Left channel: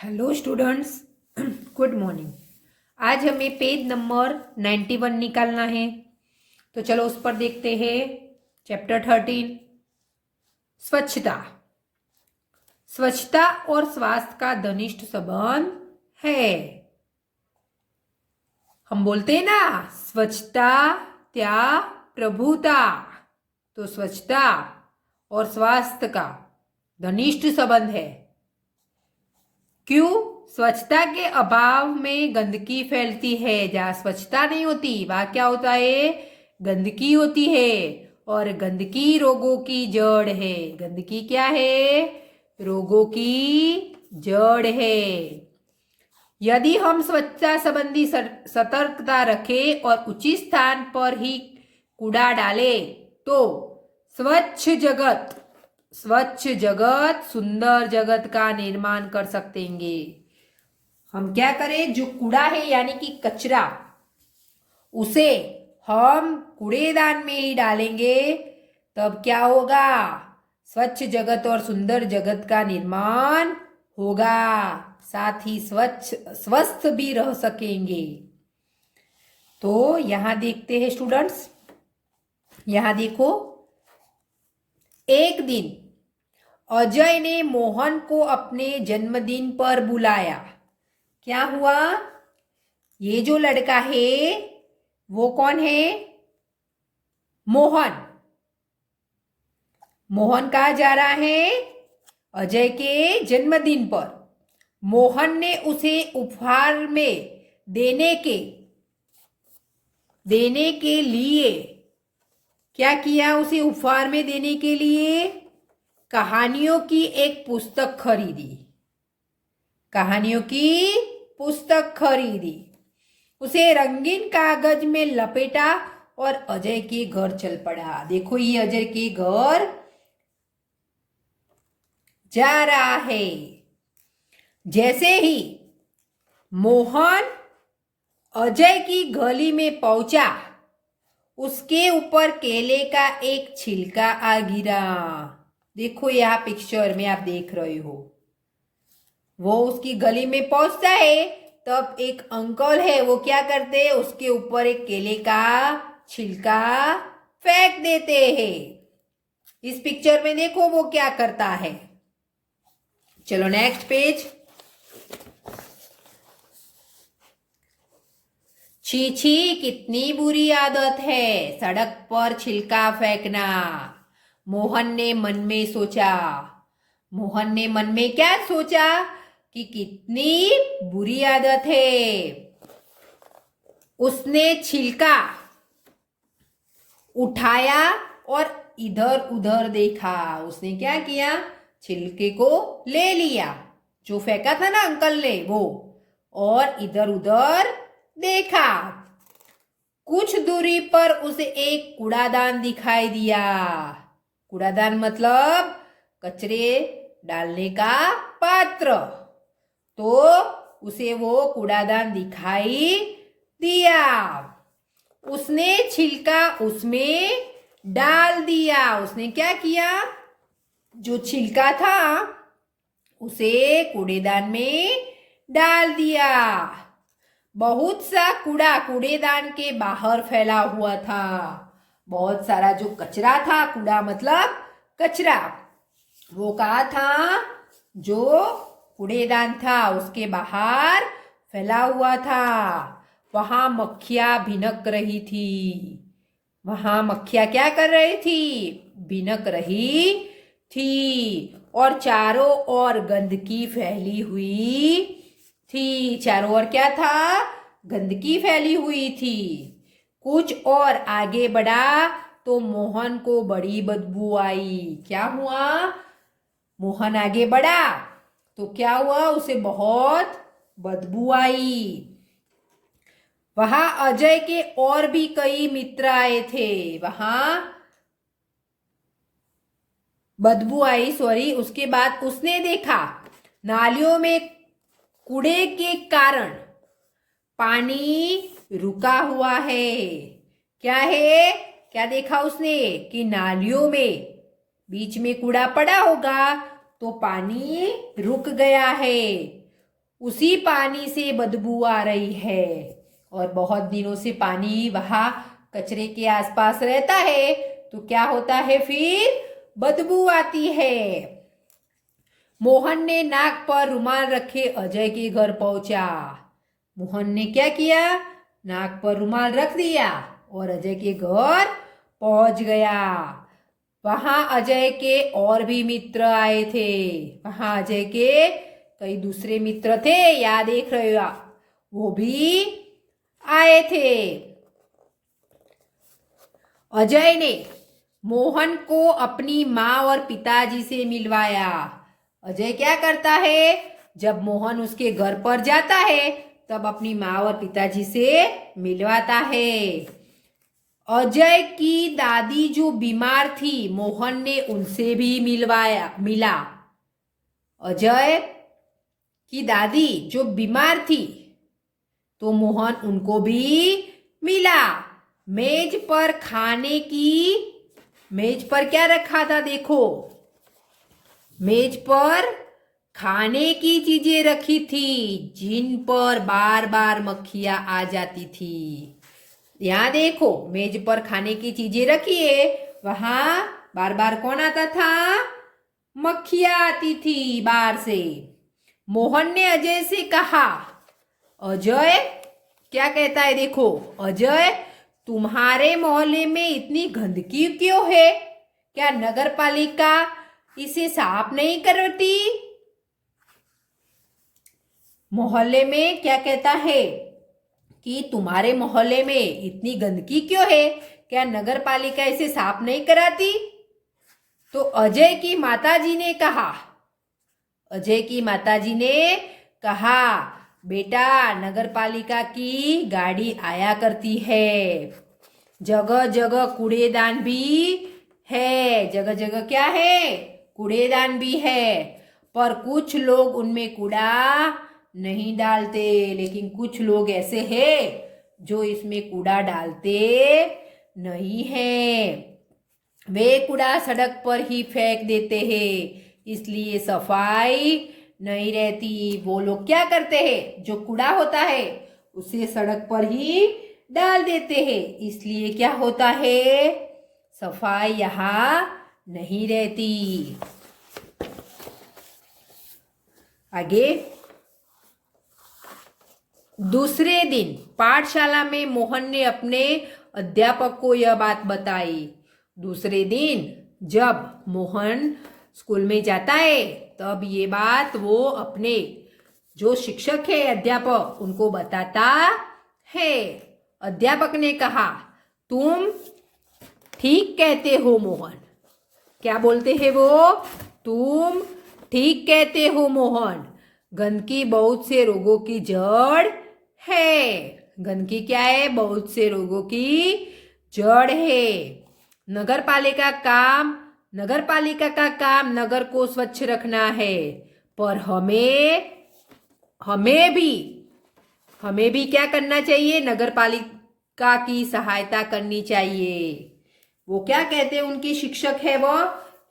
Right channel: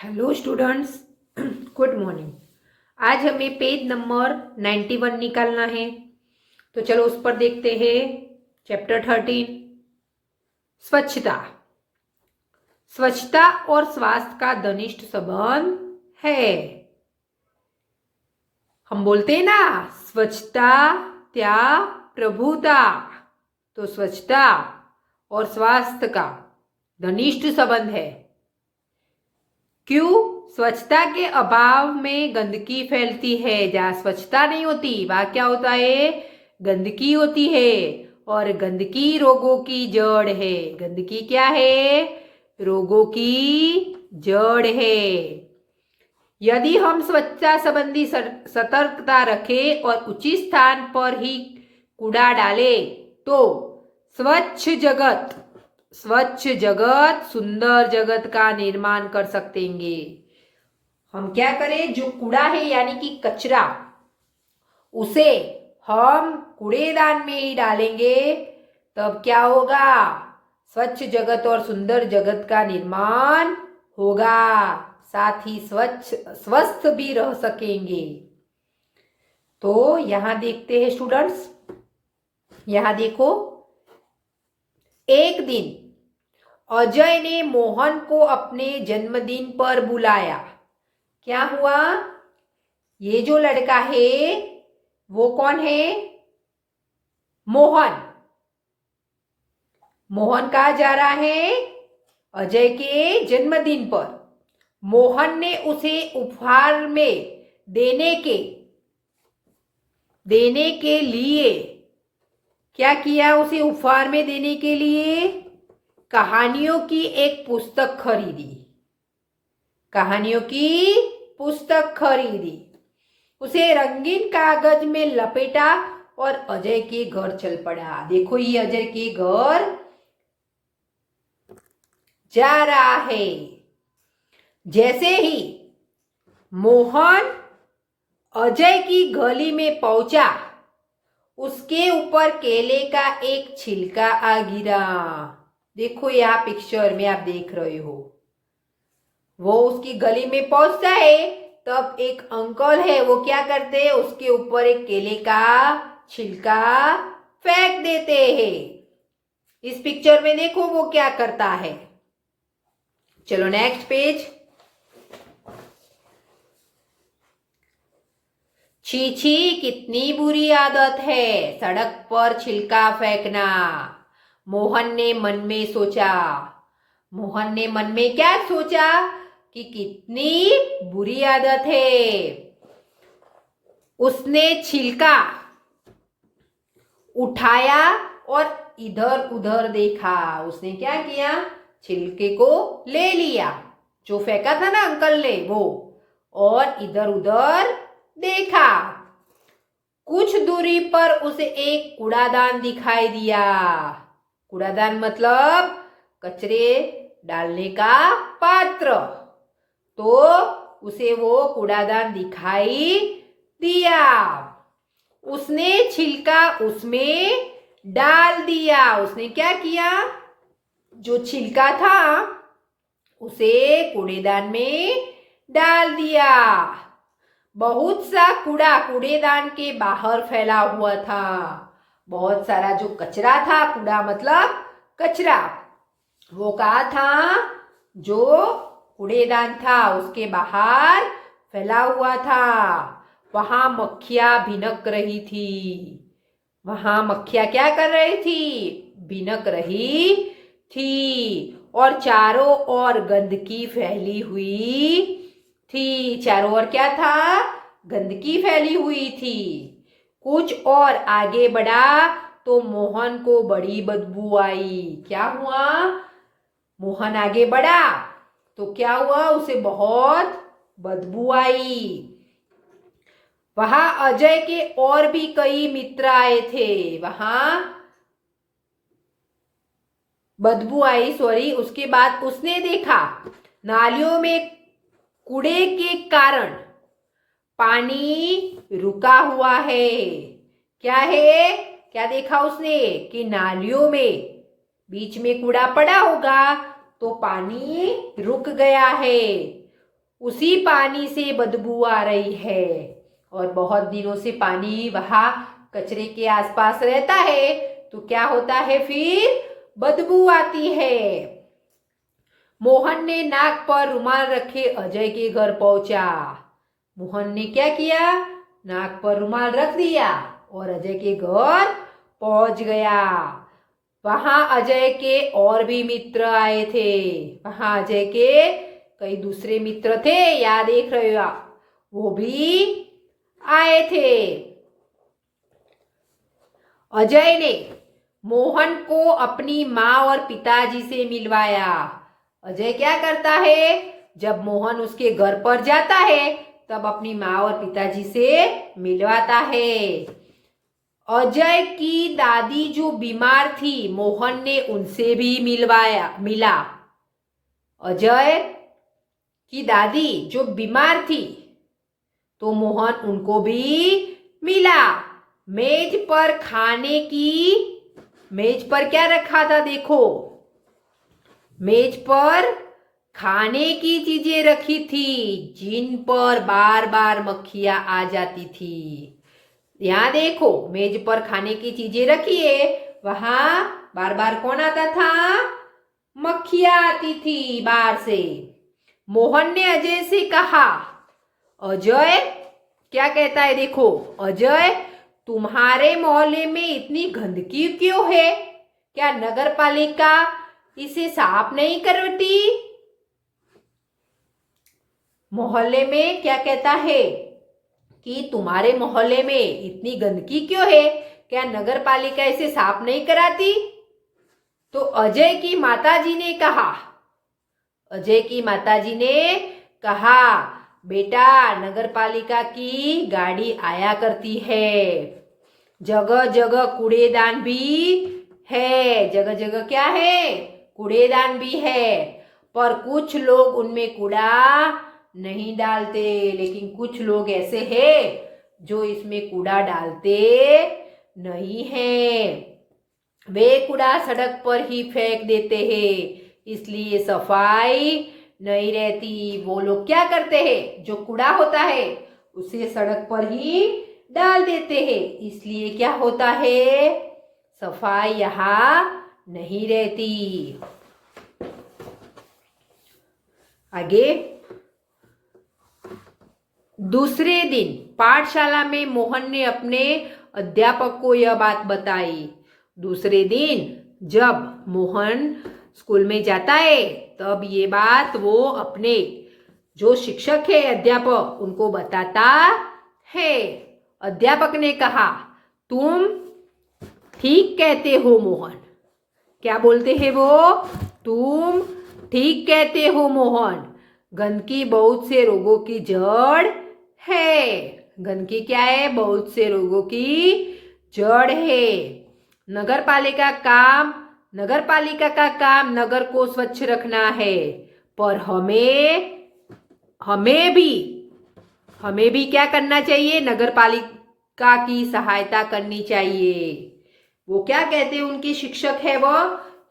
Hello students, good morning. आज हमें page number 91 निकालना है। तो चलो उस पर देखते हैं। चैप्टर 13 स्वच्छता। स्वच्छता और स्वास्थ्य का घनिष्ठ संबंध है। हम बोलते हैं ना, स्वच्छता त्याग प्रभुता। तो स्वच्छता और स्वास्थ्य का घनिष्ठ संबंध है। क्यों? स्वच्छता के अभाव में गंदगी फैलती है। जहाँ स्वच्छता नहीं होती वहाँ क्या होता है? गंदगी होती है। और गंदगी रोगों की जड़ है। गंदगी क्या है? रोगों की जड़ है। यदि हम स्वच्छता संबंधी सतर्कता रखें और उचित स्थान पर ही कूड़ा डालें तो स्वच्छ जगत सुंदर जगत का निर्माण कर सकेंगे। हम क्या करें? जो कूड़ा है यानी कि कचरा, उसे हम कूड़ेदान में ही डालेंगे, तब क्या होगा? स्वच्छ जगत और सुंदर जगत का निर्माण होगा। साथ ही स्वस्थ भी रह सकेंगे। तो यहां देखते हैं स्टूडेंट्स, यहां देखो। एक दिन अजय ने मोहन को अपने जन्मदिन पर बुलाया। क्या हुआ? ये जो लड़का है वो कौन है? मोहन। मोहन कहाँ जा रहा है? अजय के जन्मदिन पर। मोहन ने उसे उपहार में देने के लिए क्या किया? उसे उपहार में देने के लिए कहानियों की एक पुस्तक खरीदी। कहानियों की पुस्तक खरीदी। उसे रंगीन कागज में लपेटा और अजय के घर चल पड़ा। देखो, ये अजय के घर जा रहा है। जैसे ही मोहन अजय की गली में पहुंचा, उसके ऊपर केले का एक छिलका आ गिरा। देखो, यहाँ पिक्चर में आप देख रहे हो। वो उसकी गली में पहुंचता है, तब एक अंकल है, वो क्या करते हैं? उसके ऊपर एक केले का छिलका फेंक देते हैं। इस पिक्चर में देखो वो क्या करता है। चलो नेक्स्ट पेज। छी छी, कितनी बुरी आदत है सड़क पर छिलका फेंकना। मोहन ने मन में सोचा। मोहन ने मन में क्या सोचा? कि कितनी बुरी आदत है। उसने छिलका उठाया और इधर उधर देखा। उसने क्या किया? छिलके को ले लिया, जो फेंका था ना अंकल ने वो, और इधर उधर देखा। कुछ दूरी पर उसे एक कूड़ादान दिखाई दिया। कूड़ादान मतलब कचरे डालने का पात्र। तो उसे वो कूड़ादान दिखाई दिया। उसने छिलका उसमें डाल दिया। उसने क्या किया? जो छिलका था उसे कूड़ेदान में डाल दिया। बहुत सा कूड़ा कूड़ेदान के बाहर फैला हुआ था। बहुत सारा जो कचरा था, कूड़ा मतलब कचरा, वो कहाँ था? जो कूड़ेदान था उसके बाहर फैला हुआ था। वहां मक्खियां भिनक रही थी। वहां मक्खियां क्या कर रही थी? भिनक रही थी। और चारों ओर गंदगी फैली हुई थी। चारों ओर क्या था? गंदगी फैली हुई थी। कुछ और आगे बढ़ा तो मोहन को बड़ी बदबू आई। क्या हुआ? मोहन आगे बढ़ा तो क्या हुआ? उसे बहुत बदबू आई। वहां अजय के और भी कई मित्र आए थे। वहां बदबू आई, सॉरी। उसके बाद उसने देखा नालियों में कूड़े के कारण पानी रुका हुआ है। क्या है? क्या देखा उसने? कि नालियों में बीच में कूड़ा पड़ा होगा तो पानी रुक गया है। उसी पानी से बदबू आ रही है और बहुत दिनों से पानी वहाँ कचरे के आसपास रहता है तो क्या होता है, फिर बदबू आती है। मोहन ने नाक पर रुमाल रखे अजय के घर पहुंचा। मोहन ने क्या किया, नाक पर रुमाल रख दिया और अजय के घर पहुंच गया। वहां अजय के और भी मित्र आए थे। वहां अजय के कई दूसरे मित्र थे, याद देख रहे हो आप, वो भी आए थे। अजय ने मोहन को अपनी माँ और पिताजी से मिलवाया। अजय क्या करता है, जब मोहन उसके घर पर जाता है तब अपनी माँ और पिताजी से मिलवाता है। अजय की दादी जो बीमार थी, मोहन ने उनसे भी मिला। अजय की दादी जो बीमार थी तो मोहन उनको भी मिला। मेज पर क्या रखा था, देखो, मेज पर खाने की चीजें रखी थी जिन पर बार बार मक्खियां आ जाती थी। यहाँ देखो, मेज पर खाने की चीजें रखी है, वहां बार बार कौन आता था, मक्खियां आती थी बाहर से। मोहन ने अजय से कहा, अजय क्या कहता है, देखो, अजय तुम्हारे मोहल्ले में इतनी गंदगी क्यों है, क्या नगर पालिका इसे साफ नहीं करती? मोहल्ले में क्या कहता है कि तुम्हारे मोहल्ले में इतनी गंदगी क्यों है, क्या नगर पालिका इसे साफ नहीं कराती? तो अजय की माताजी ने कहा, बेटा नगर पालिका की गाड़ी आया करती है, जगह जगह कूड़ेदान भी है, जगह जगह क्या है, कूड़ेदान भी है, पर कुछ लोग उनमें कूड़ा नहीं डालते, लेकिन कुछ लोग ऐसे हैं जो इसमें कूड़ा डालते नहीं हैं। वे कूड़ा सड़क पर ही फेंक देते हैं, इसलिए सफाई नहीं रहती। वो लोग क्या करते हैं, जो कूड़ा होता है उसे सड़क पर ही डाल देते हैं, इसलिए क्या होता है, सफाई यहाँ नहीं रहती। आगे, दूसरे दिन पाठशाला में मोहन ने अपने अध्यापक को यह बात बताई। दूसरे दिन जब मोहन स्कूल में जाता है तब ये बात वो अपने जो शिक्षक है, अध्यापक, उनको बताता है। अध्यापक ने कहा, तुम ठीक कहते हो मोहन। क्या बोलते हैं वो, तुम ठीक कहते हो मोहन, गंदगी बहुत से रोगों की जड़ है। गंदगी क्या है, बहुत से रोगों की जड़ है। नगर पालिका का काम नगर को स्वच्छ रखना है, पर हमें भी क्या करना चाहिए, नगर पालिका की सहायता करनी चाहिए। वो क्या कहते हैं, उनके शिक्षक है वो,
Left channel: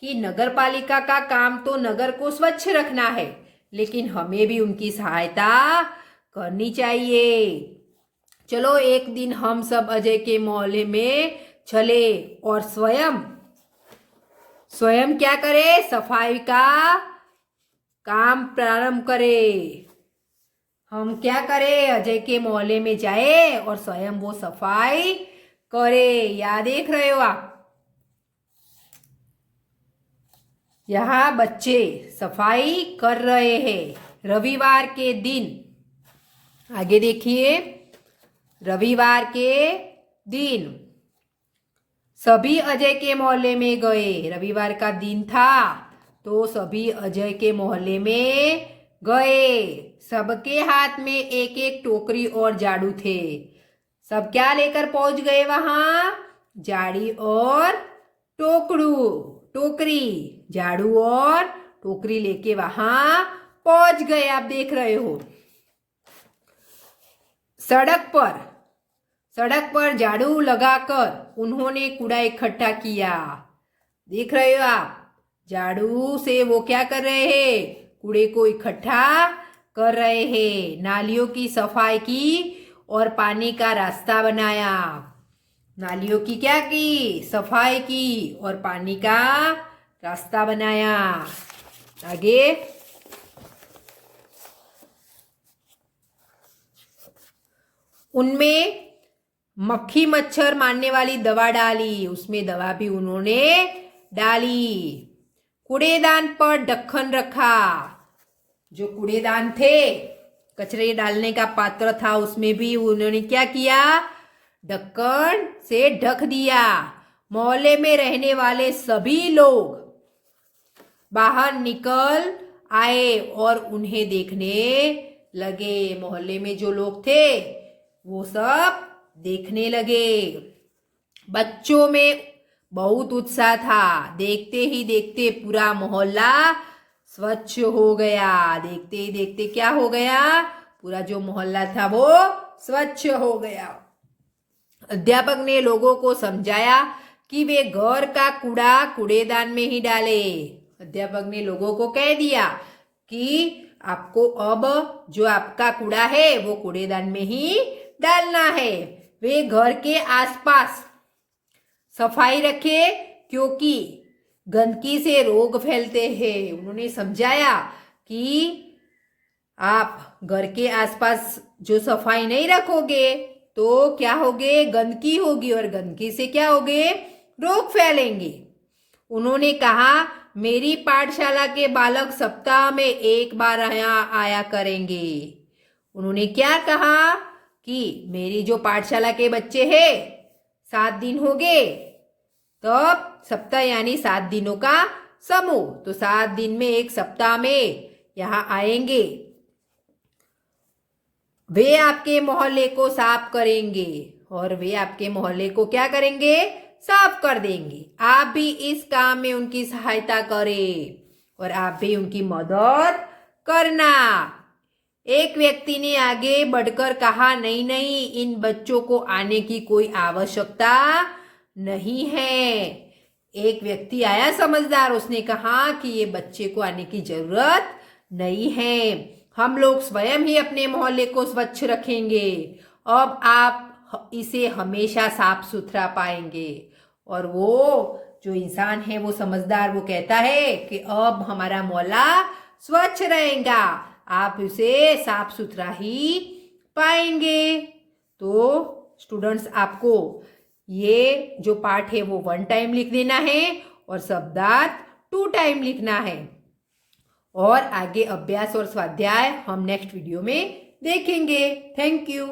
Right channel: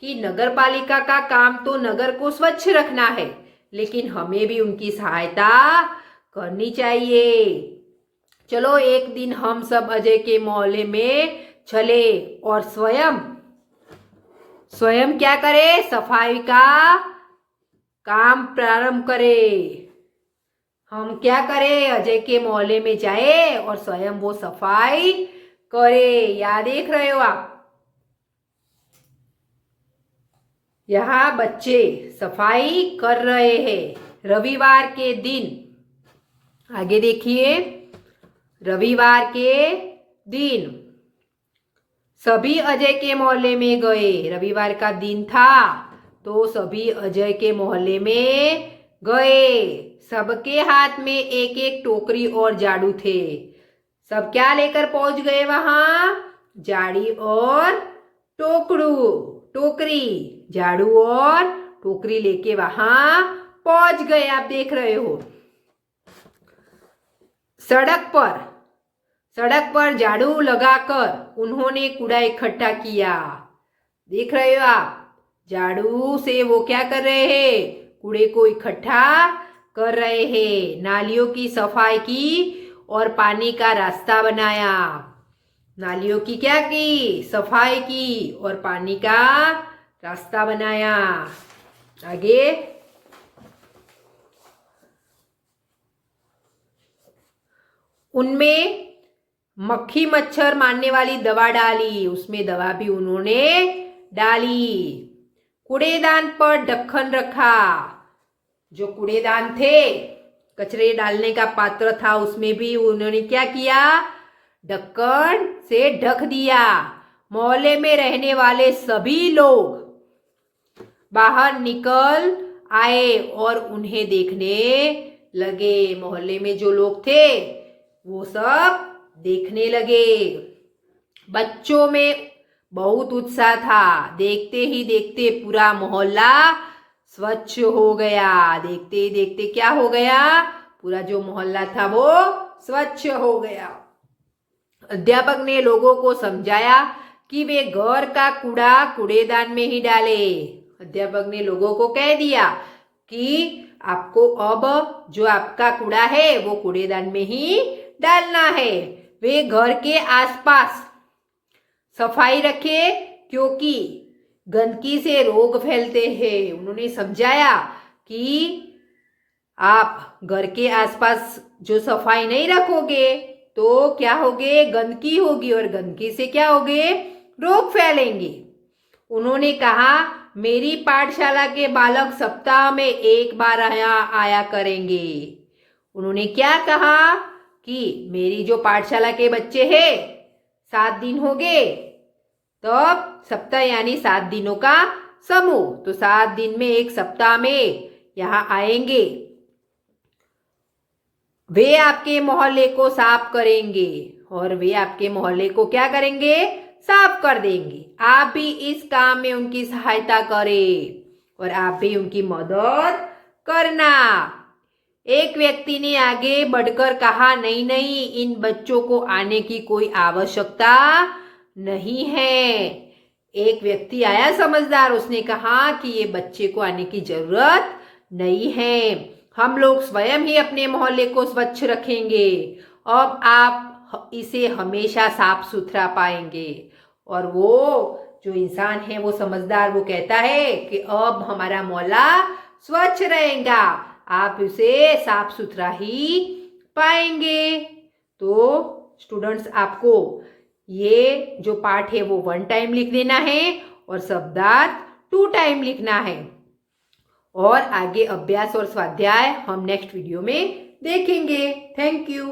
कि नगर पालिका का काम तो नगर को स्वच्छ रखना है, लेकिन हमें भी उनकी सहायता करनी चाहिए। चलो एक दिन हम सब अजय के मोहल्ले में चले और स्वयं क्या करे, सफाई का काम प्रारंभ करे। हम क्या करें, अजय के मोहल्ले में जाए और स्वयं वो सफाई करे। याद देख रहे हो आप, यहाँ बच्चे सफाई कर रहे हैं। रविवार के दिन, आगे देखिए, रविवार के दिन सभी अजय के मोहल्ले में गए। रविवार का दिन था तो सभी अजय के मोहल्ले में गए। सबके हाथ में एक एक टोकरी और झाड़ू थे। सब क्या लेकर पहुंच गए वहां, झाड़ी और टोकरी, झाड़ू और टोकरी लेके वहां पहुंच गए। आप देख रहे हो, सड़क पर झाड़ू लगाकर उन्होंने कूड़ा इकट्ठा किया। देख रहे हो आप, झाड़ू से वो क्या कर रहे हैं, कूड़े को इकट्ठा कर रहे हैं। नालियों की सफाई की और पानी का रास्ता बनाया। नालियों की क्या की? सफाई की और पानी का रास्ता बनाया। आगे, उनमें मक्खी मच्छर मारने वाली दवा डाली, उसमें दवा भी उन्होंने डाली। कूड़ेदान पर ढक्कन रखा, जो कूड़ेदान थे, कचरे डालने का पात्र था, उसमें भी उन्होंने क्या किया? ढक्कन से ढक दिया। मोहल्ले में रहने वाले सभी लोग बाहर निकल आए और उन्हें देखने लगे। मोहल्ले में जो लोग थे वो सब देखने लगे। बच्चों में बहुत उत्साह था। देखते ही देखते पूरा मोहल्ला स्वच्छ हो गया। देखते ही देखते क्या हो गया? पूरा जो मोहल्ला था वो स्वच्छ हो गया। अध्यापक ने लोगों को समझाया कि वे घर का कूड़ा कूड़ेदान में ही डाले। अध्यापक ने लोगों को कह दिया कि आपको अब जो आपका कूड़ा है वो कूड़ेदान में ही डालना है। वे घर के आसपास सफाई रखे क्योंकि गंदगी से रोग फैलते हैं। उन्होंने समझाया कि आप घर के आसपास जो सफाई नहीं रखोगे तो क्या होगे? गंदगी होगी और गंदगी से क्या होगे? रोग फैलेंगे। उन्होंने कहा, मेरी पाठशाला के बालक सप्ताह में एक बार आया करेंगे। उन्होंने क्या कहा कि मेरी जो पाठशाला के बच्चे हैं 7 दिन हो गए, तब सप्ताह यानी 7 दिनों का समूह, तो 7 दिन में एक सप्ताह में यहाँ आएंगे। वे आपके मोहल्ले को साफ करेंगे और वे आपके मोहल्ले को क्या करेंगे? साफ कर देंगे। आप भी इस काम में उनकी सहायता करें और आप भी उनकी मदद करना। एक व्यक्ति ने आगे बढ़कर कहा, नहीं नहीं, इन बच्चों को आने की कोई आवश्यकता नहीं है। एक व्यक्ति आया समझदार, उसने कहा कि ये बच्चे को आने की जरूरत नहीं है, हम लोग स्वयं ही अपने मोहल्ले को स्वच्छ रखेंगे। अब आप इसे हमेशा साफ सुथरा पाएंगे। और वो जो इंसान है वो समझदार, वो कहता है कि अब हमारा मोहल्ला स्वच्छ रहेगा, आप इसे साफ सुथरा ही पाएंगे। तो स्टूडेंट्स, आपको ये जो पार्ट है वो 1 टाइम लिख देना है और शब्दार्थ 2 टाइम लिखना है। और आगे अभ्यास और स्वाध्याय हम नेक्स्ट वीडियो में देखेंगे। Thank you.